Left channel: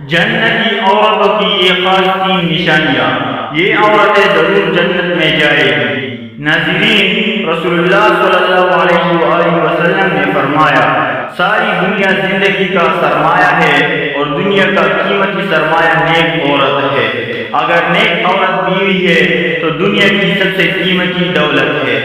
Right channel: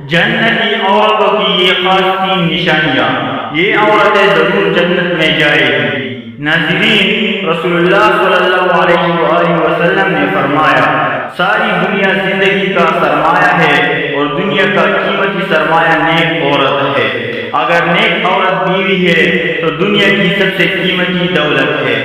جنتی عورتوں کی یہ خاص 3 نشانیاں، یہ عورتیں ضرور جنت میں جائے گی۔ ناظرین، رسول اللہ صلی اللہ علیہ وآلہ وسلم نے فرمایا، ساری دنیا زندگی کا سرمایہ ہے اور دنیا کا قیمتی سرمایہ نیک عورت ہے۔ اگر نیک عورت بیوی ہے تو دنیا کی سب سے قیمتی دولت ہے۔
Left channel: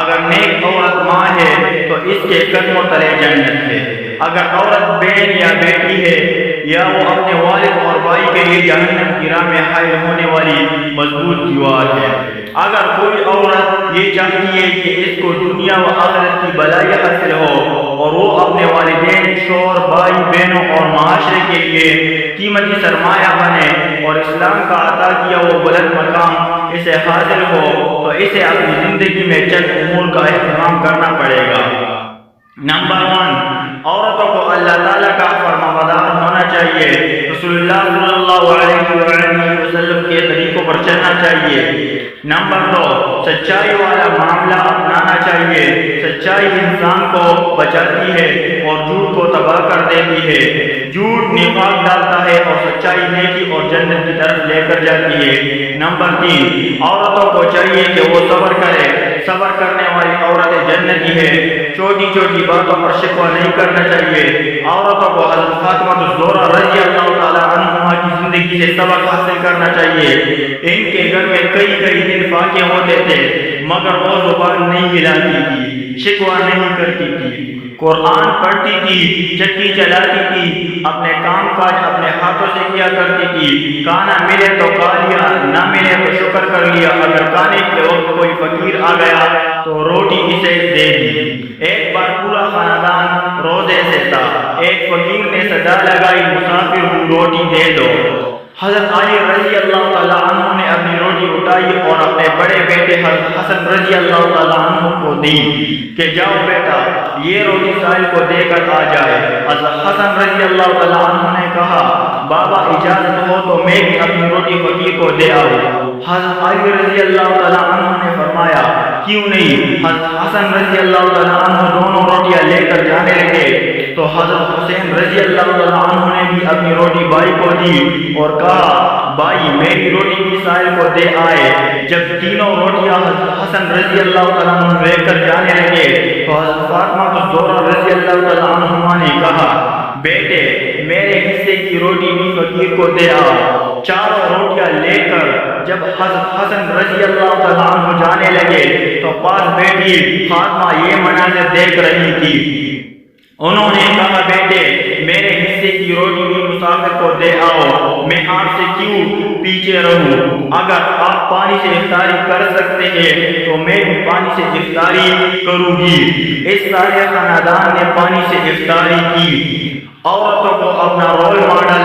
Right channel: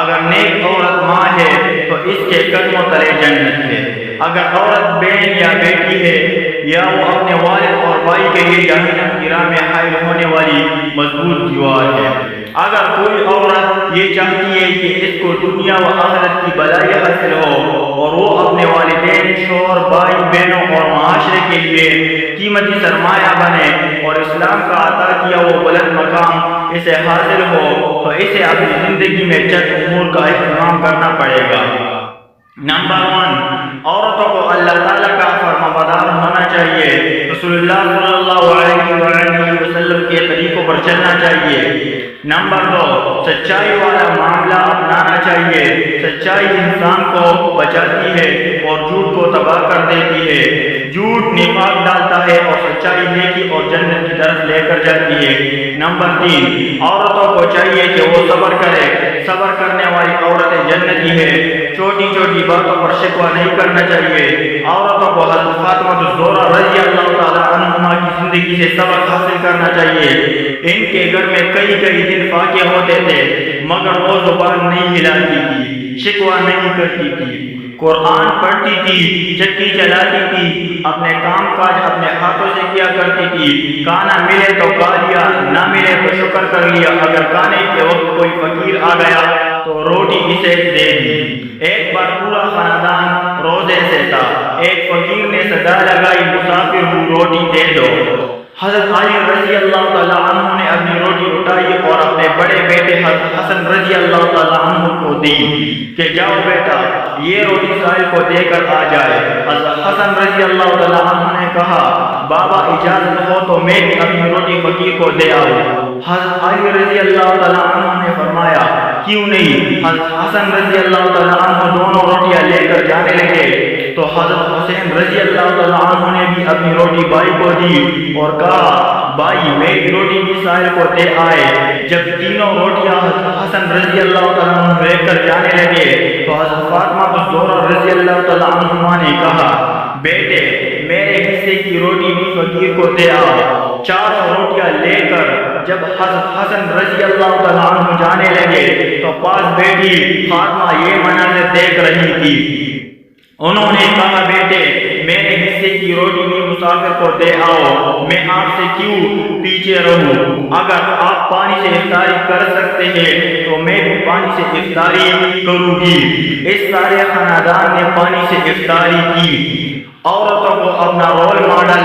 اگر نیک عورت ماں ہے تو اس کے قدموں تلے جنت ہے۔ اگر عورت بہن یا بیٹی ہے یا وہ اپنے والد اور بھائی کے لیے جہنم کی راہ میں حائل ہونے والی مضبوط دیوار ہے۔ اگر کوئی عورت یہ چاہتی ہے کہ اس کو دنیا و آخرت کی بھلائی حاصل ہو اور وہ اپنے والدین، شوہر، بھائی بہنوں اور معاشرے کے لیے قیمتی سرمایہ بنے اور اسلام کا عطا کیا وہ بلند مقام اسے حاصل ہو تو اسے اپنی زندگی میں چند امور کا اہتمام کرنا پڑے گا۔ نمبر 1، عورتوں کو اللہ تعالیٰ کا فرمانبردار ہونا چاہیے، رسول اللہ صلی اللہ علیہ وآلہ وسلم کے طریقوں پر چلنا چاہیے۔ نمبر 2، سچائی والا معاملہ اپنانا چاہیے۔ سچائی انسان کو بچاتی ہے اور جھوٹ کو تباہ کر دیتی ہے۔ جھوٹ نفاق ڈالتا ہے اور سچائی نیکی اور جنت کی طرف لے کر جاتی ہے۔ نمبر 3، عورتوں کو چاہیے کہ وہ صبر کرے۔ صبر کرنے والی عورتیں جنتی ہے۔ چھوٹی چھوٹی باتوں پر شکوہ نہیں کرنا چاہیے۔ عورتوں کو حضرت فاطمہ الزہرا رضی اللہ تعالی عنہما کی زندگی سے سبق حاصل کرنا چاہیے۔ ان کے گھر میں کئی دن فاقے ہوتے تھے مگر وہ زبان نہیں ہلاتی تھی، شکوہ نہیں کرتی تھی، قرآن پڑھتی تھی، چکی چلاتی تھی، اپنے کام کاج اپنے ہاتھوں سے کیا کرتی تھی۔ کھانا ملے تو کھا لیا، نہ ملے تو شکر کر لیا۔ اگر کھانے کے وقت کوئی فقیر آ گیا تو روٹی اسے دے دی۔ ایک بار پورا خاندان روزے سے تھا، ایک فقیر نے صدا لگائی، مسافر ہوں روٹی دے دو۔ حضرت علی رضی اللہ تعالیٰ عنہ نے اپنی روٹی اٹھائی اور اپنے بڑے بیٹے حضرت حسن رضی اللہ تعالیٰ عنہ کو دی کہ جاؤ بیٹا یہ روٹی سائل کو دے کر آ جائے۔ حضرت حسن رضی اللہ تعالیٰ عنہ نے کہا بابا اجازت ہو تو میں بھی اپنی روٹی فقیر کو دے آؤں۔ حضرت علی رضی اللہ تعالیٰ عنہ نے فرمایا کیوں نہیں۔ حضرت حسن رضی اللہ تعالیٰ عنہ دونوں روٹیاں لے کر جانے لگے تو حضرت حسین رضی اللہ تعالیٰ عنہ نے بھی اپنی روٹی بھائی کو دی اور کہا بھائی میری روٹی بھی سائل کو دے آئے۔ جب تینوں روٹیاں حضرت حسن رضی اللہ تعالیٰ عنہ لے کر جانے لگے تو حضرت فاطمہ الزہرا رضی اللہ تعالیٰ عنہما نے کہا بیٹے میرے حصے کی روٹی بھی فقیر کو دے آؤ۔ چاروں روٹیاں لے کر جب حضرت حسن رضی اللہ تعالیٰ عنہ جانے لگے تو پاس بیٹی فاطمہ یہ مناظر دیکھ رہی تھی۔ انہوں نے کہا بیٹے میرے حصے کی روٹی بھی مسافر کو دے آؤ، میں آپ سے کیوں پیچھے رہوں؟ اگر آپ پانی سے افطاری کر سکتے ہیں تو میں بھی پانی سے افطاری کروں گی۔ اس سارے خاندان نے پانی سے افطاری کی۔ عورتوں کو اپنا رول ماڈل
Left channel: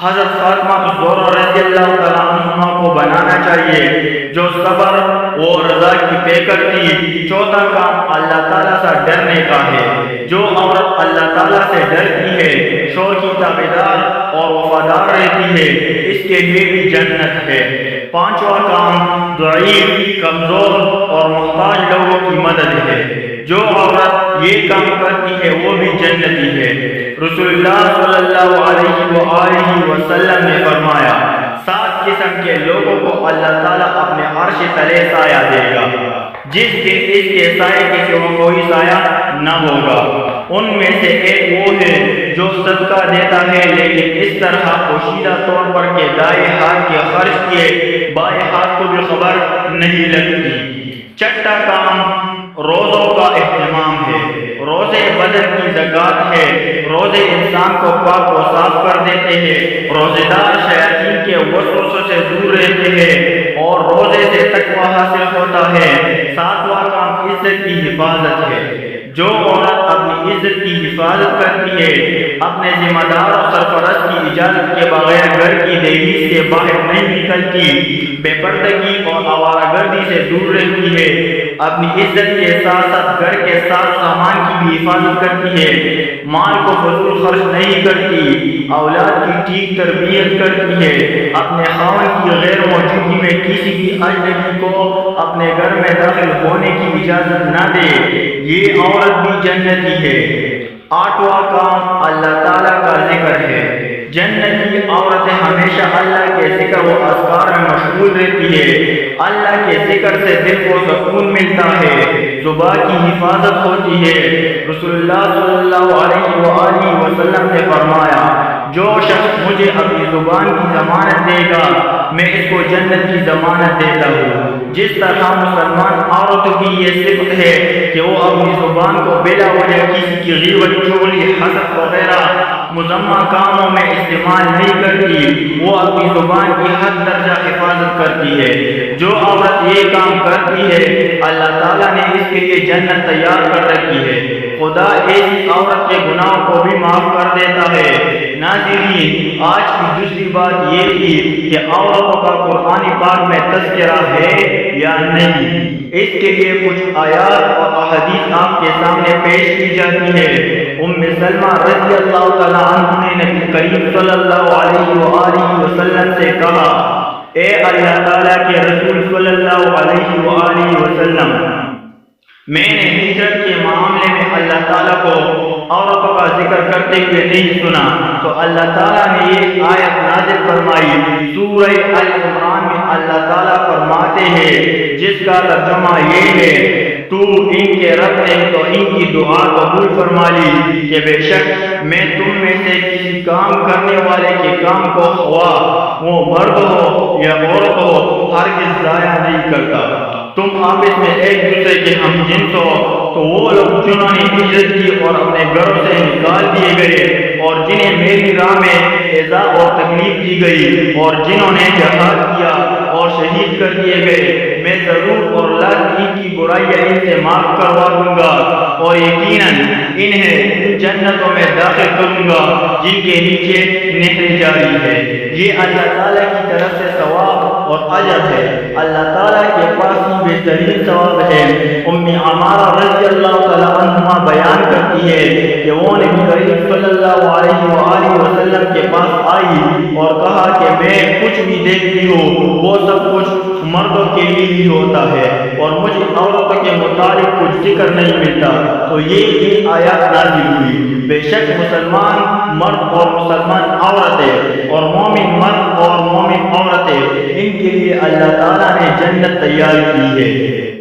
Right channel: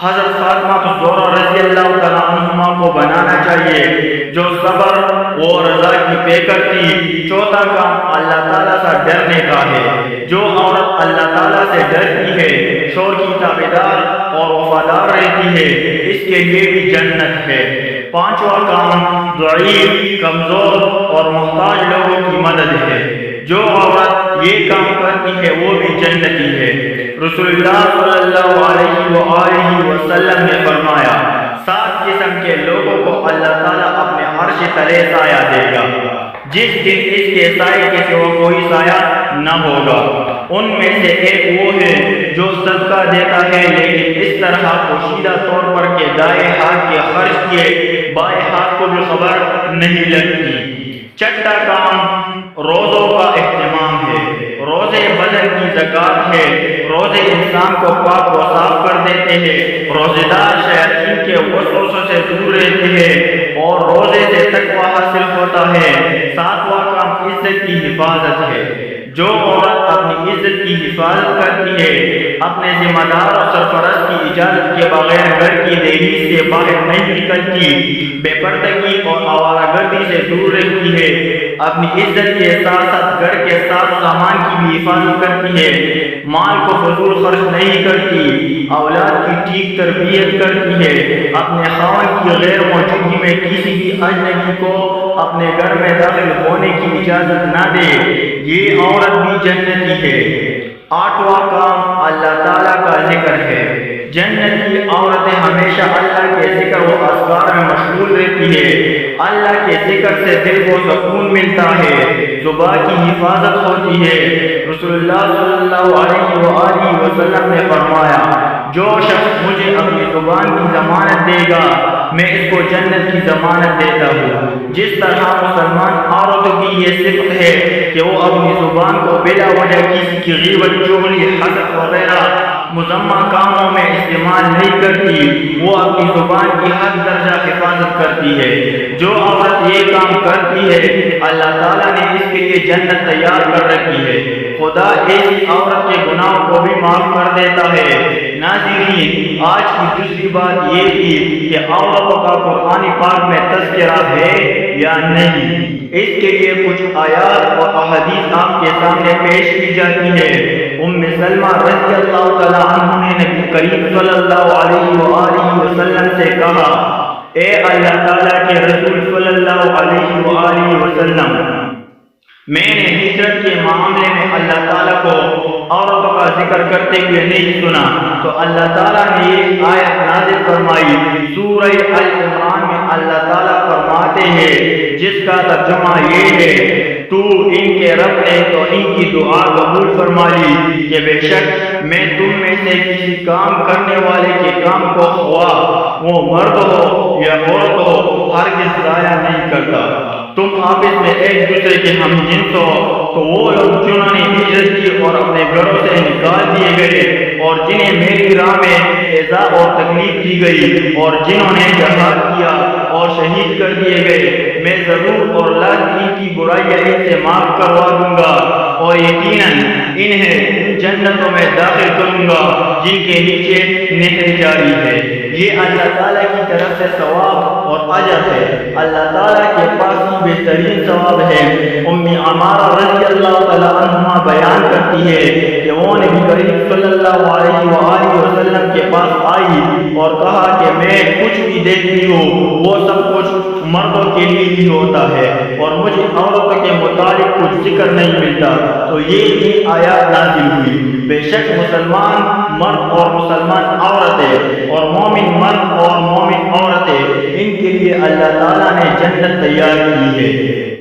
حضرت فاطمہ الزہرا رضی اللہ تعالیٰ عنہما کو بنانا چاہیے جو صبر و رضا کی پیکر تھی۔ چوتھا کام اللہ تعالیٰ سے ڈرنے کا ہے۔ جو عورت اللہ تعالیٰ سے ڈرتی ہے، شوہر کی تابعدار اور وفادار رہتی ہے، اس کے لیے بھی جنت ہے۔ پانچواں کام ضعیف، کمزور اور محتاج لوگوں کی مدد ہے۔ جو عورت یہ کام کرتی ہے وہ بھی جنتی ہے۔ رسول اللہ صلی اللہ علیہ وآلہ وسلم نے فرمایا 7 قسم کے لوگوں کو اللہ تعالیٰ اپنے عرش تلے سایہ دے گا جس دن اس کے سائے کے سوا کوئی سایہ نہ ہوگا۔ ان میں سے ایک وہ ہے جو صدقہ دیتا ہے لیکن اس طرح پوشیدہ طور پر کہ دائیں ہاتھ کے خرچ کیے بائیں ہاتھ کو بھی خبر نہیں لگتی۔ چھٹا کام روزوں کا اہتمام ہے۔ روزے بدن کی زکوٰۃ ہے۔ روزے انسان کو پاک و صاف کر دیتے ہیں۔ روزے دار شیاطین کے وسوسوں سے دور رہتے ہیں اور روزے سے تقویٰ حاصل ہوتا ہے۔ 7واں کام عزت کی حفاظت ہے۔ جو عورت اپنی عزت کی حفاظت کرتی ہے، اپنے ذمہ دار اور سرپرست کی اجازت کے بغیر گھر کی دہلیز سے باہر نہیں نکلتی، بے پردگی اور آوارہ گردی سے دور رہتی ہے، اپنی عزت کے ساتھ ساتھ گھر کے ساز سامان کی بھی حفاظت کرتی ہے، مال کو فضول خرچ نہیں کرتی، اولاد کی ٹھیک تربیت کرتی ہے، اپنے خاوند کی غیر موجودگی میں کسی بھی اجنبی کو اپنے گھر میں داخل ہونے کی اجازت نہ دے، یہ عورت بھی جنتی ہے۔ 8واں کام اللہ تعالیٰ کا ذکر ہے۔ جنت کی عورتیں ہمیشہ اللہ کے ذکر و اذکار میں مشغول رہتی ہے، اللہ کے ذکر سے دل کو سکون ملتا ہے، زبان کی حفاظت ہوتی ہے۔ رسول اللہ صلی اللہ علیہ وآلہ وسلم نے فرمایا، جو شخص مجھے اپنی زبان کی ضمانت دے گا میں اس کو جنت کی ضمانت دیتا ہوں۔ جس طرح مسلمان عورتوں کی یہ صفت ہے کہ وہ اپنی زبان کو بلا وجہ کسی کی غیبت، چغلی، حسد وغیرہ مذمہ کاموں میں استعمال نہیں کرتی، وہ اپنی زبان کی ہر درجہ حفاظت کرتی ہے۔ جو عورت یہ کام کرتی ہے اللہ تعالیٰ نے اس کے لیے جنت تیار کر رکھی ہے۔ خدا ایسی عورت کے گناہوں کو بھی معاف کر دیتا ہے۔ ناظرین، آج کی دوسری بات یہ تھی کہ عورتوں کا قرآن پاک میں تذکرہ ہے یا نہیں۔ اس کے لیے کچھ آیات اور احادیث آپ کے سامنے پیش کی جاتی ہے۔ ام سلمہ رضی اللہ تعالیٰ عنہ نے نبی کریم صلی اللہ علیہ وآلہ وسلم سے کہا، اے اللہ تعالیٰ کے رسول صلی اللہ علیہ وآلہ وسلم، میں نے ہجرت کے معاملے میں اللہ تعالیٰ کو عورتوں کا ذکر کرتے ہوئے نہیں سنا، تو اللہ تعالیٰ نے یہ آیت نازل فرمائی۔ سورہ ال عمران میں اللہ تعالیٰ فرماتے ہیں، جس کا ترجمہ یہ ہے، تو ان کے رب نے تو ان کی دعا قبول فرما لی کہ بے شک میں تم میں سے کسی کام کرنے والے کے کام کو خواہ وہ مرد ہو یا عورت ہو ہرگز ضائع نہیں کرتا۔ تم آپس میں ایک دوسرے کے ہم جنس ہو تو وہ لوگ جنہوں نے ہجرت کی اور اپنے گھروں سے نکال دیے گئے اور جنہیں میری راہ میں ایذا اور تکلیف دی گئی اور جنہوں نے جہاد کیا اور شہید کر دیے گئے، میں ضرور اور لازم ان کی برائیاں ان سے معاف کروا دوں گا اور یقیناً انہیں ان جنتوں میں داخل کروں گا جن کے نیچے نہریں جاری ہے۔ یہ اللہ تعالیٰ کی طرف سے ثواب اور اجر ہے۔ اللہ تعالیٰ کے پاس ہی بہترین ثواب ہے۔ ام عمارہ رضی اللہ تعالیٰ عنہما بیان کرتی ہے کہ وہ نبی کریم صلی اللہ علیہ وآلہ وسلم کے پاس آئی اور کہا کہ میں کچھ بھی دیکھتی ہوں وہ سب کچھ مردوں کے لیے ہی ہوتا ہے اور مجھے عورتوں کے متعلق کچھ ذکر نہیں ملتا، تو یہ ان آیات نازل ہوئی۔ بے شک مسلمان مرد اور مسلمان عورتیں اور مومن مرد اور مومن عورتیں، ان کے لیے اللہ تعالیٰ نے جنت تیار کی ہے۔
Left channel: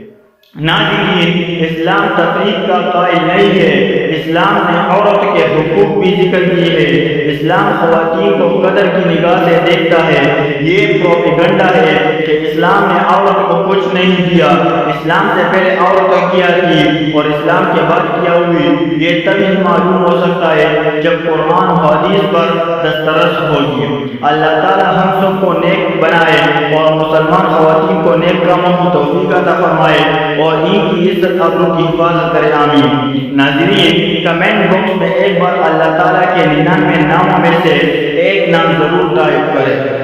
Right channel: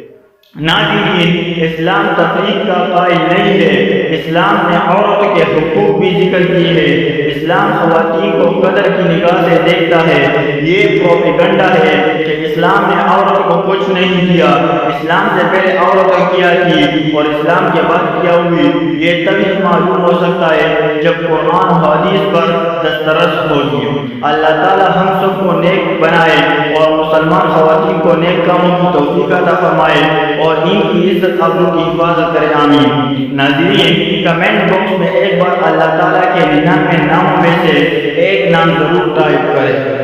ناظرین، اسلام تفریق کا قائل نہیں ہے۔ اسلام نے عورت کے حقوق بھی ذکر کیے ہیں۔ اسلام خواتین کو قدر کی نگاہ سے دیکھتا ہے۔ یہ پروپیگنڈا ہے کہ اسلام نے عورت کو کچھ نہیں دیا، اسلام سے پہلے عورتیں کیا تھی اور اسلام کے بعد کیا ہوئی، یہ تبھی معلوم ہو سکتا ہے جب قرآن و حدیث پر دسترس ہوگی۔ اللہ تعالی ہم سب کو نیک بنائے اور مسلمان خواتین کو نیک کاموں کی توفیق عطا فرمائے اور ان کی عزت آبرو کی حفاظت کرے، آمین۔ ناظرین، کمنٹ باکس میں ایک بار اللہ تعالیٰ کے 99 ناموں میں سے ایک نام ضرور ٹائپ کریں۔